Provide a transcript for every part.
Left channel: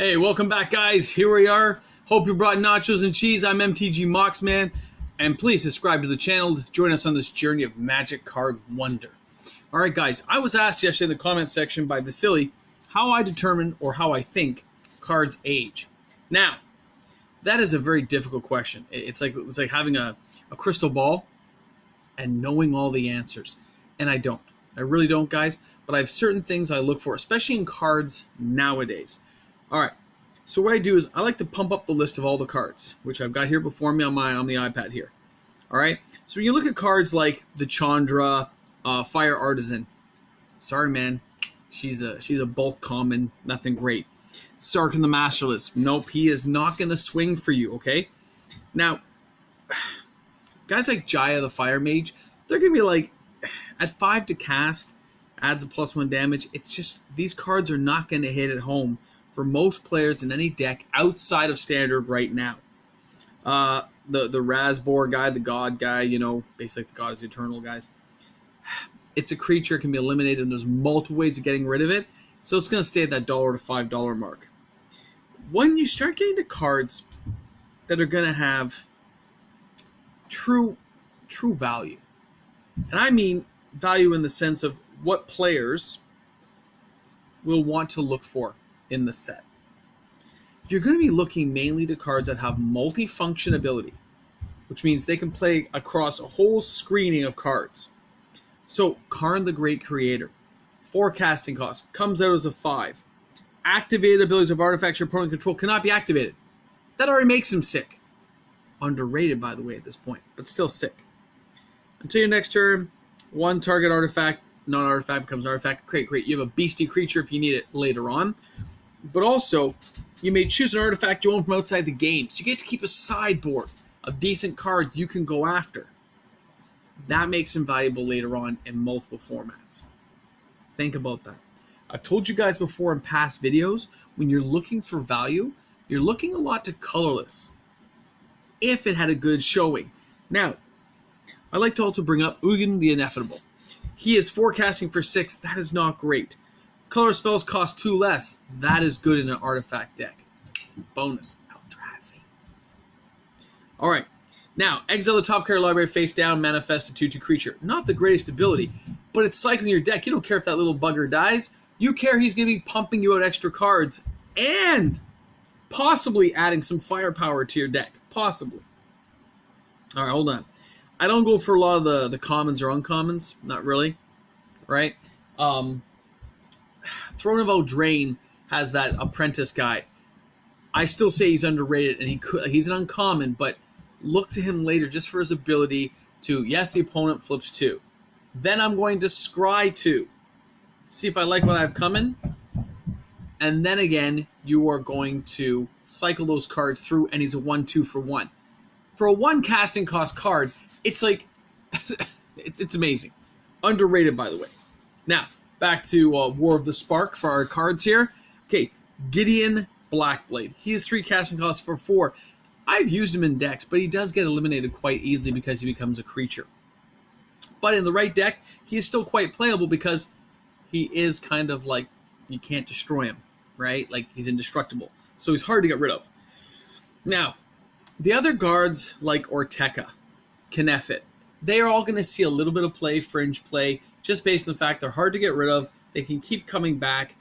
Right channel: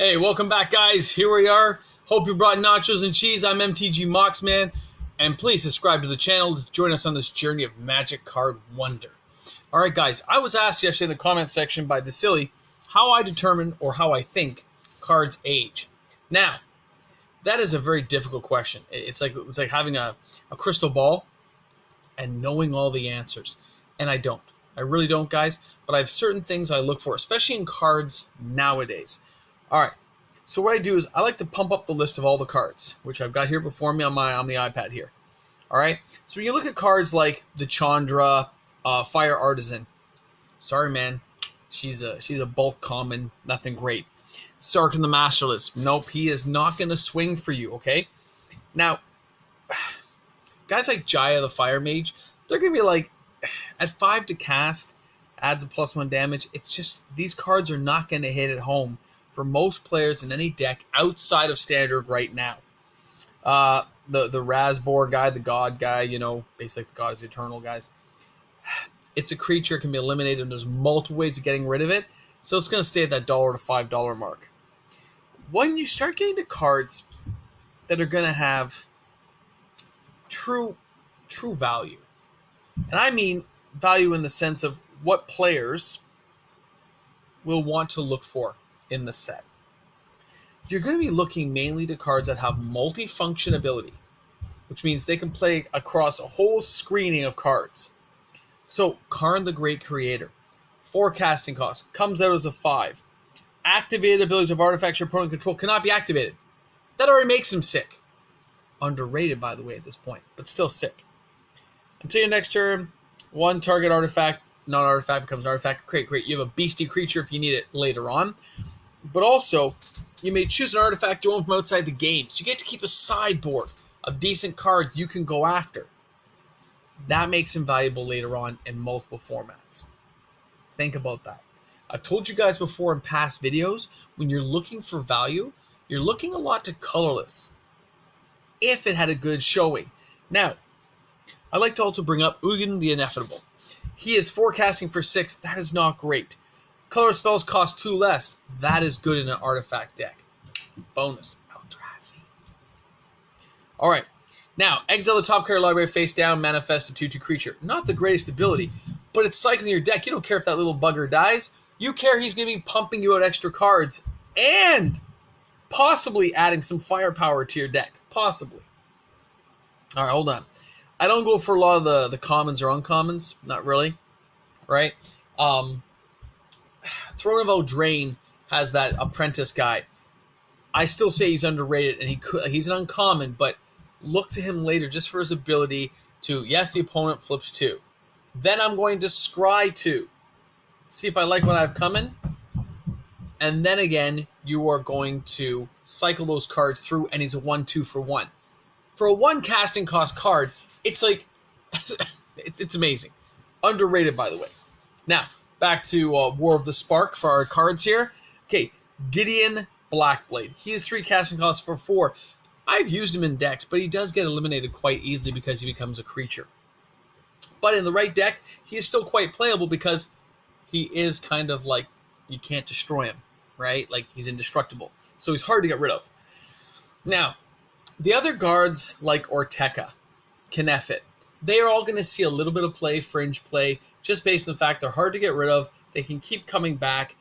Hey, welcome back, guys. Here we are. Hope you brought nachos and cheese. I'm MTG Moxman, and please subscribe to the channel to join us on this journey of Magic Card Wonder. All right, guys, I was asked yesterday in the comment section by Vasily how I determine or how I think cards age. Now, that is a very difficult question. It's like having a crystal ball and knowing all the answers. And I don't. I really don't, guys. But I have certain things I look for, especially in cards nowadays. All right. So what I do is I like to pump up the list of all the cards, which I've got here before me on the iPad here. All right. So when you look at cards like the Chandra, Fire Artisan. Sorry, man. She's a bulk common. Nothing great. Sarkhan the Masterless. Nope. He is not going to swing for you. Okay. Now, guys like Jaya the Fire Mage, they're going to be like, at 5 to cast, adds a +1 damage. It's just, these cards are not going to hit at home for most players in any deck outside of Standard right now. The Razbor guy, the God guy, you know, basically the God is eternal, guys. It's a creature, can be eliminated, and there's multiple ways of getting rid of it. So it's going to stay at that $1 to $5 mark. When you start getting to cards that are going to have true value, and I mean value in the sense of what players will want to look for in the set. You're going to be looking mainly to cards that have multi-function ability, which means they can play across a whole screening of cards. So, Karn the Great Creator, forecasting cost, comes out as a 5. Activated abilities of artifacts your opponent control cannot be activated. That already makes him sick. Underrated, by the way, at this point, but still sick. Until your next turn, one target artifact, non-artifact becomes an artifact. Great. You have a beastie creature if you need it later on. But also, you may choose an artifact you own from outside the game. So you get to keep a sideboard of decent cards you can go after. That makes him valuable later on in multiple formats. Think about that. I've told you guys before in past videos, when you're looking for value, you're looking a lot to colorless, if it had a good showing. Now, I like to also bring up Ugin the Ineffable. He is forecasting for 6. That is not great. Color spells cost 2 less. That is good in an artifact deck. Bonus. Eldrazi. Alright. Now, exile the top card library face down, manifest a 2/2 creature. Not the greatest ability, but it's cycling your deck. You don't care if that little bugger dies. You care he's going to be pumping you out extra cards and possibly adding some firepower to your deck. Possibly. Alright, hold on. I don't go for a lot of the commons or uncommons. Not really. Right? Throne of Eldraine has that apprentice guy. I still say he's underrated, and he's an uncommon, but look to him later just for his ability to, yes, the opponent flips 2. Then I'm going to scry 2. See if I like what I have coming. And then again, you are going to cycle those cards through, and he's a 1/2 for 1. For a 1 casting cost card, it's like, it's amazing. Underrated, by the way. Now, back to War of the Spark for our cards here. Okay, Gideon Blackblade. He has 3 casting costs for 4. I've used him in decks, but he does get eliminated quite easily because he becomes a creature. But in the right deck, he is still quite playable because he is kind of like, you can't destroy him, right? Like, he's indestructible. So he's hard to get rid of. Now, the other guards like Orteka, Knefit, they are all going to see a little bit of play, fringe play, just based on the fact they're hard to get rid of. They can keep coming back.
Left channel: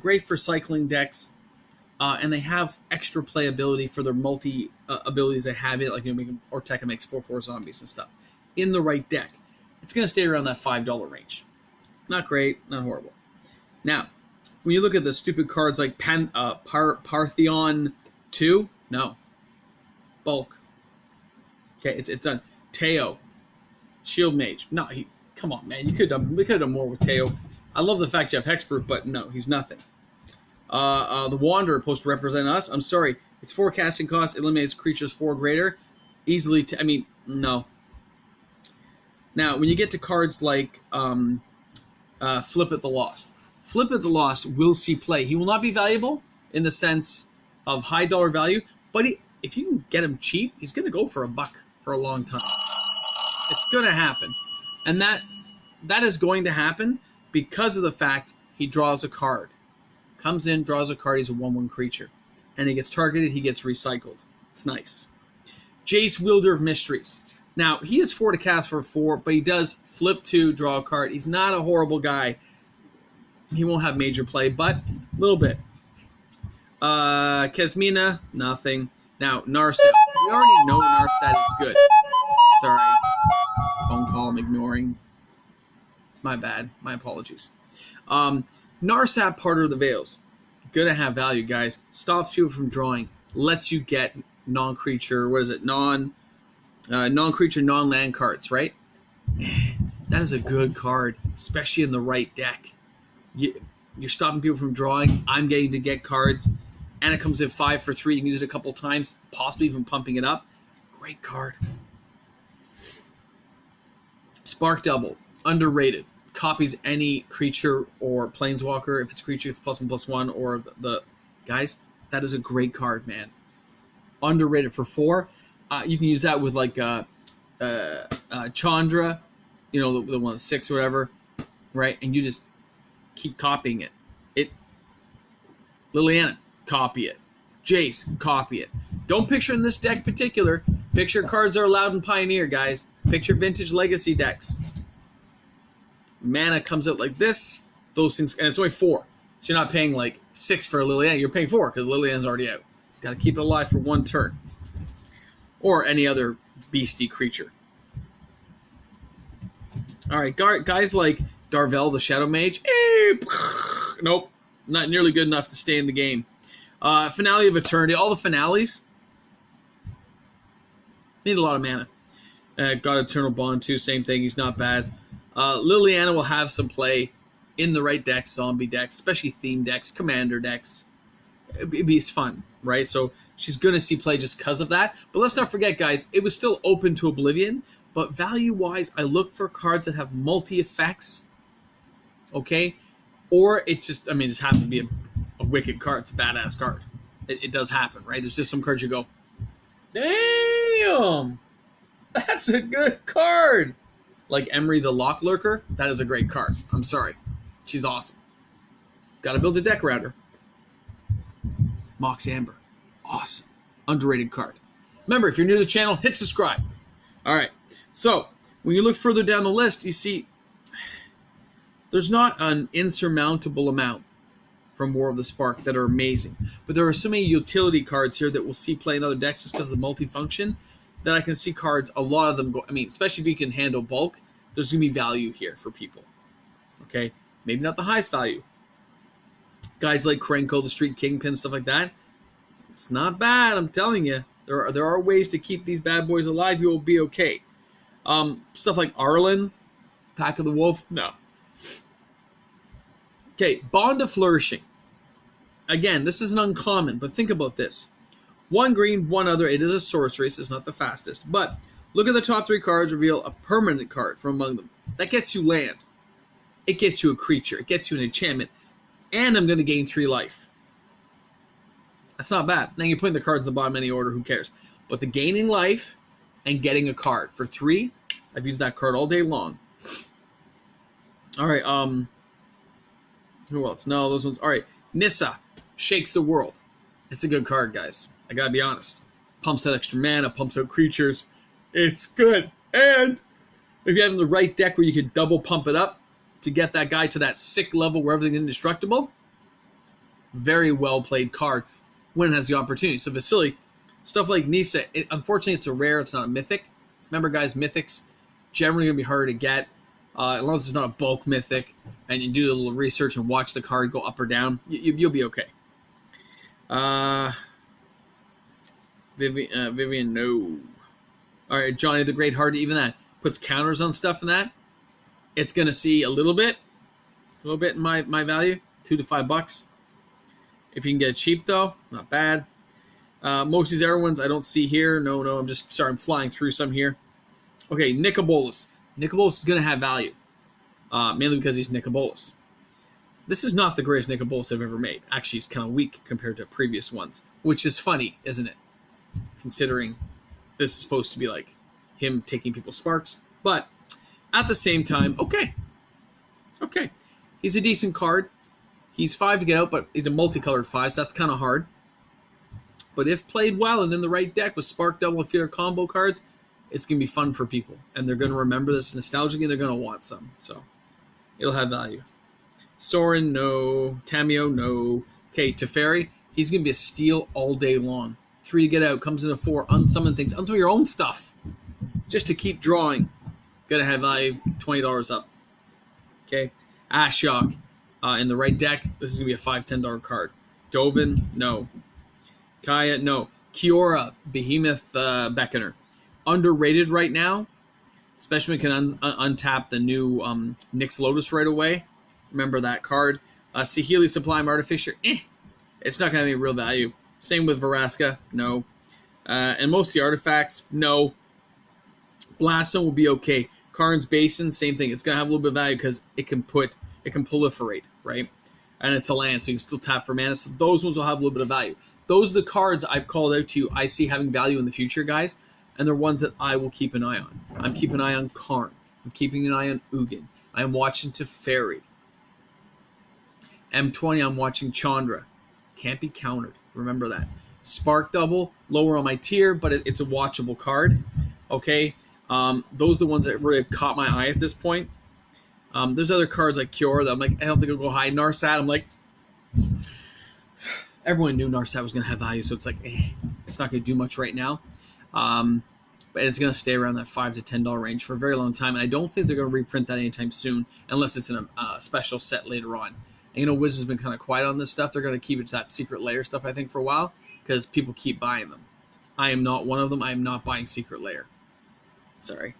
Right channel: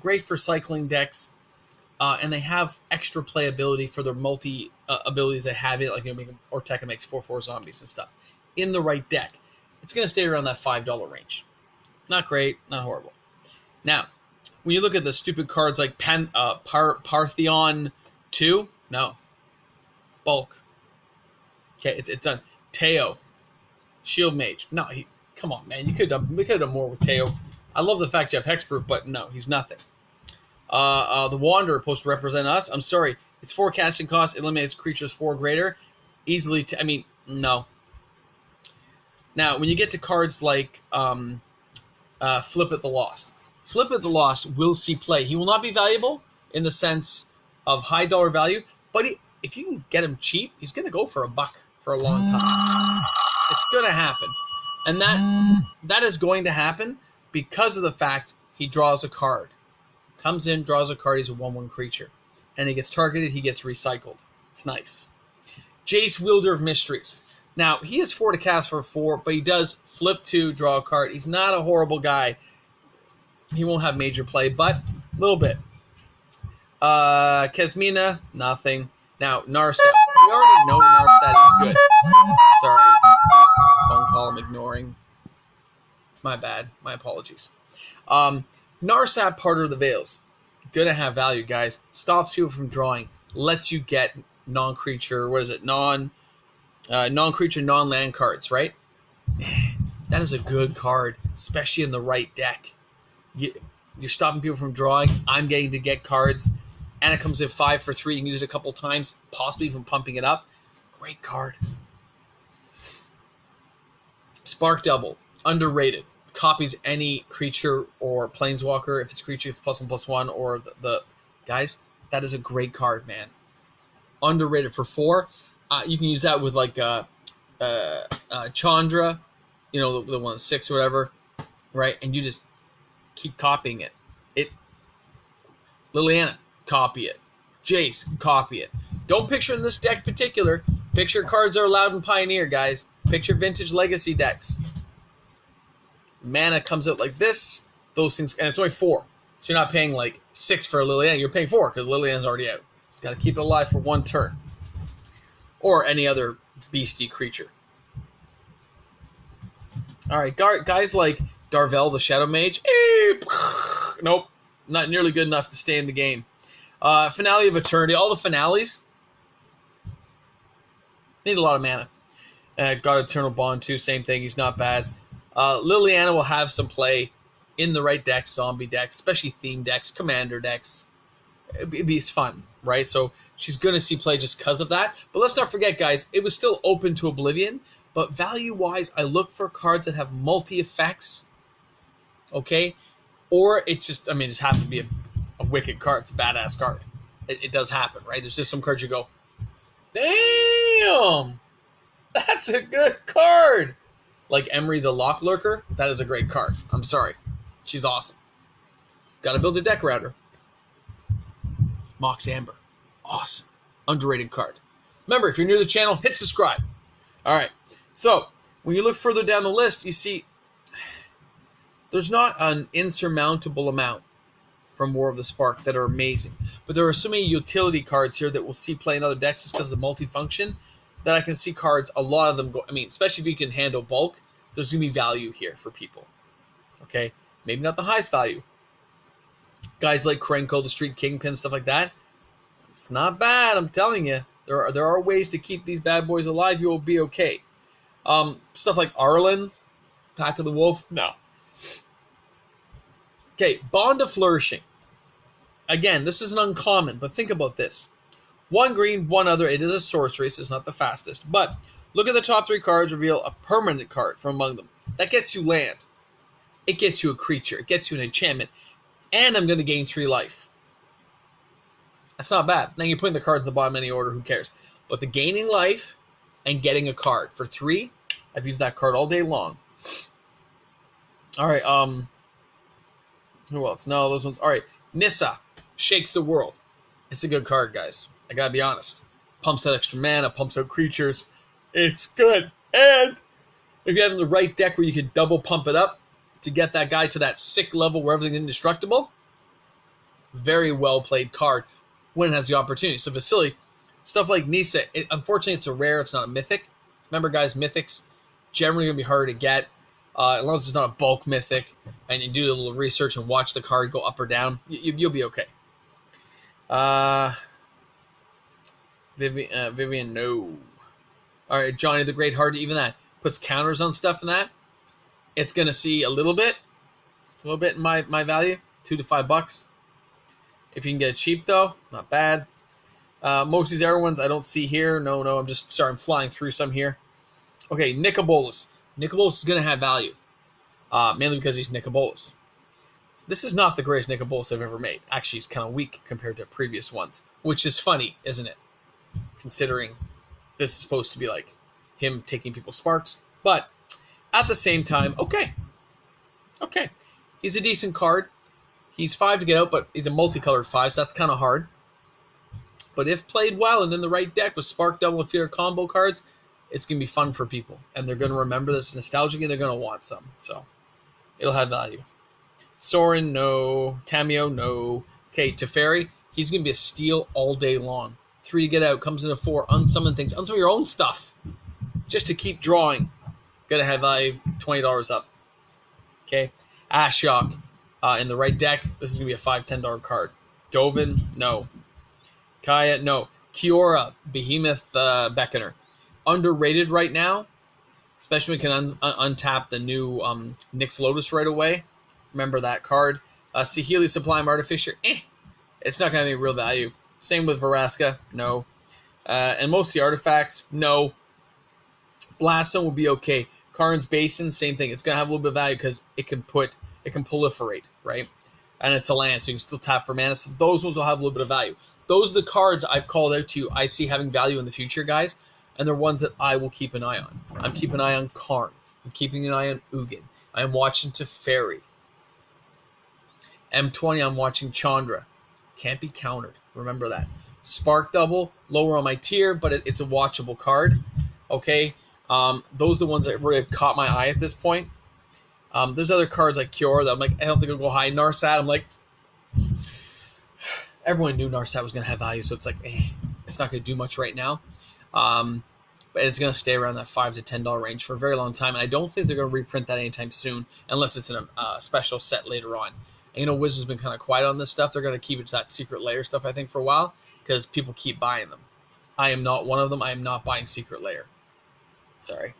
Great for cycling decks. And they have extra playability for their multi abilities they have it. Like, you know, Orteka makes 4/4 zombies and stuff. In the right deck, it's going to stay around that $5 range. Not great, not horrible. Now, when you look at the stupid cards like Partheon 2, no. Bulk. Okay, it's done. Teo, Shield Mage. No, come on, man. We could have done more with Teo. I love the fact you have Hexproof, but no, he's nothing. The Wanderer supposed to represent us. I'm sorry. Its forecasting cost eliminates creatures 4 greater. Easily, I mean, no. Now, when you get to cards like Flip at the Lost. Flip at the Lost will see play. He will not be valuable in the sense of high dollar value, but if you can get him cheap, he's going to go for $1 for a long time. It's going to happen. And that is going to happen because of the fact he draws a card. Comes in, draws a card, he's a 1/1 creature. And he gets targeted, he gets recycled. It's nice. Jace, Wielder of Mysteries. Now, he has 4 to cast for 4, but he does flip 2, draw a card. He's not a horrible guy. He won't have major play, but a little bit. Kesmina, nothing. Now, Narset. We already know Narset is good. Sorry. Phone call I'm ignoring. My bad. My apologies. Narsat, Parter of the Veils. Gonna have value, guys. Stops people from drawing. Lets you get non-creature, what is it? Non-creature, non-land cards, right? That is a good card, especially in the right deck. You're stopping people from drawing. I'm getting to get cards. And it comes in 5 for 3. You can use it a couple times, possibly even pumping it up. Great card. Spark Double. Underrated. Copies any creature or planeswalker. If it's a creature, it's +1/+1. Or the guys, that is a great card, man. Underrated for 4. You can use that with like Chandra, you know, the one that's 6 or whatever, right? And you just keep copying it. Liliana, copy it. Jace, copy it. Don't picture in this deck particular. Picture cards are allowed in Pioneer, guys. Picture Vintage Legacy decks. Mana comes out like this. Those things, and it's only 4. So you're not paying like 6 for Liliana. You're paying 4 because Liliana's already out. Just got to keep it alive for 1 turn. Or any other beastie creature. Alright, guys like Darvel the Shadow Mage. Nope. Not nearly good enough to stay in the game. Finale of Eternity. All the finales need a lot of mana. God Eternal Bond too. Same thing. He's not bad. Liliana will have some play in the right decks, zombie decks, especially theme decks, commander decks. It'd be fun, right? So she's going to see play just because of that. But let's not forget, guys, it was still open to Oblivion. But value-wise, I look for cards that have multi-effects. Okay? Or it just, I mean, it just happened to be a wicked card. It's a badass card. It does happen, right? There's just some cards you go, damn, that's a good card. Like Emery the Lock Lurker, that is a great card. I'm sorry. She's awesome. Got to build a deck around her. Mox Amber. Awesome. Underrated card. Remember, if you're new to the channel, hit subscribe. All right. So, when you look further down the list, you see there's not an insurmountable amount from War of the Spark that are amazing. But there are so many utility cards here that we'll see play in other decks just because of the multifunction that I can see cards, a lot of them go, I mean, especially if you can handle bulk, there's going to be value here for people. Okay? Maybe not the highest value. Guys like Krenko, the Street Kingpin, stuff like that. It's not bad, I'm telling you. There are ways to keep these bad boys alive. You will be okay. Stuff like Arlen, Pack of the Wolf, no. Okay, Bond of Flourishing. Again, this is an uncommon, but think about this. 1 green, 1 other. It is a sorcery, so it's not the fastest. But look at the top 3 cards. Reveal a permanent card from among them. That gets you land. It gets you a creature. It gets you an enchantment. And I'm going to gain 3 life. That's not bad. Now you're putting the cards at the bottom of any order. Who cares? But the gaining life and getting a card. For 3, I've used that card all day long. All right. Who else? No, those ones. All right. Nissa. Shakes the World. It's a good card, guys. I gotta be honest. Pumps out extra mana, pumps out creatures. It's good. And if you have the right deck where you can double pump it up to get that guy to that sick level where everything's indestructible, very well played card when it has the opportunity. So Vasily, stuff like Nissa, unfortunately it's a rare, it's not a mythic. Remember, guys, mythics generally gonna be harder to get. As long as it's not a bulk mythic and you do a little research and watch the card go up or down, you'll be okay. Vivian, no. All right, Johnny the Great Heart, even that puts counters on stuff and that. It's gonna see a little bit in my value, $2 to $5. If you can get it cheap though, not bad. Most of these other ones I don't see here. No, I'm flying through some here. Okay, Nicobolus. Nicobolus is gonna have value, mainly because he's Nicobolus. This is not the greatest Nicobolus I've ever made. Actually, he's kind of weak compared to previous ones, which is funny, isn't it? Considering this is supposed to be like him taking people's sparks. But at the same time, okay. He's a decent card. He's 5 to get out, but he's a multicolored 5, so that's kind of hard. But if played well and in the right deck with Spark Double and Fear combo cards, it's going to be fun for people. And they're going to remember this nostalgic and they're going to want some. So it'll have value. Sorin, no. Tamio, no. Okay, Teferi, he's going to be a steal all day long. 3 to get out, comes in a 4, unsummon things. Unsummon your own stuff. Just to keep drawing. Going to have value, $20 up. Okay, Ashiok, in the right deck, this is going to be a $5, $10 card. Dovin, no. Kaya, no. Kiora, Behemoth Beckoner. Underrated right now, especially when you can untap the new Nyx Lotus right away. Remember that card. Saheeli Sublime Artificer, it's not going to be real value. Same with Vraska, no. And most of the artifacts, no. Blasphemy will be okay. Karn's Basin, same thing. It's going to have a little bit of value because it can proliferate, right? And it's a land, so you can still tap for mana. So those ones will have a little bit of value. Those are the cards I've called out to you I see having value in the future, guys. And they're ones that I will keep an eye on. I'm keeping an eye on Karn. I'm keeping an eye on Ugin. I'm watching Teferi. M20, I'm watching Chandra. Can't be countered. Remember that. Spark Double, lower on my tier, but it's a watchable card. Okay? Those are the ones that really caught my eye at this point. There's other cards like Cure that I'm like, I don't think it'll go high. Narsat, I'm like, everyone knew Narsat was going to have value, so it's like, it's not going to do much right now. But it's going to stay around that $5 to $10 range for a very long time, and I don't think they're going to reprint that anytime soon, unless it's in a special set later on. And, Wizards been kind of quiet on this stuff. They're going to keep it to that Secret Lair stuff, I think, for a while, because people keep buying them. I am not one of them. I am not buying Secret Lair. Sorry.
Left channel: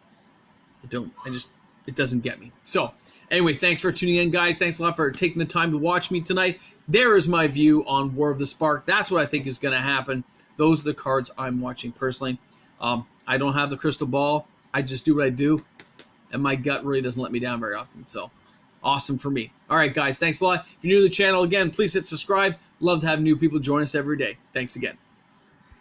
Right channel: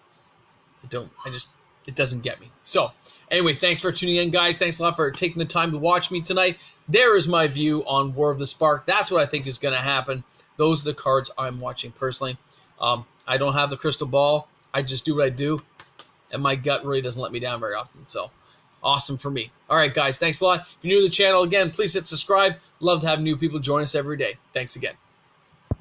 It doesn't get me. So, anyway, thanks for tuning in, guys. Thanks a lot for taking the time to watch me tonight. There is my view on War of the Spark. That's what I think is going to happen. Those are the cards I'm watching personally. I don't have the crystal ball. I just do what I do, and my gut really doesn't let me down very often. So, awesome for me. All right, guys, thanks a lot. If you're new to the channel, again, please hit subscribe. Love to have new people join us every day. Thanks again.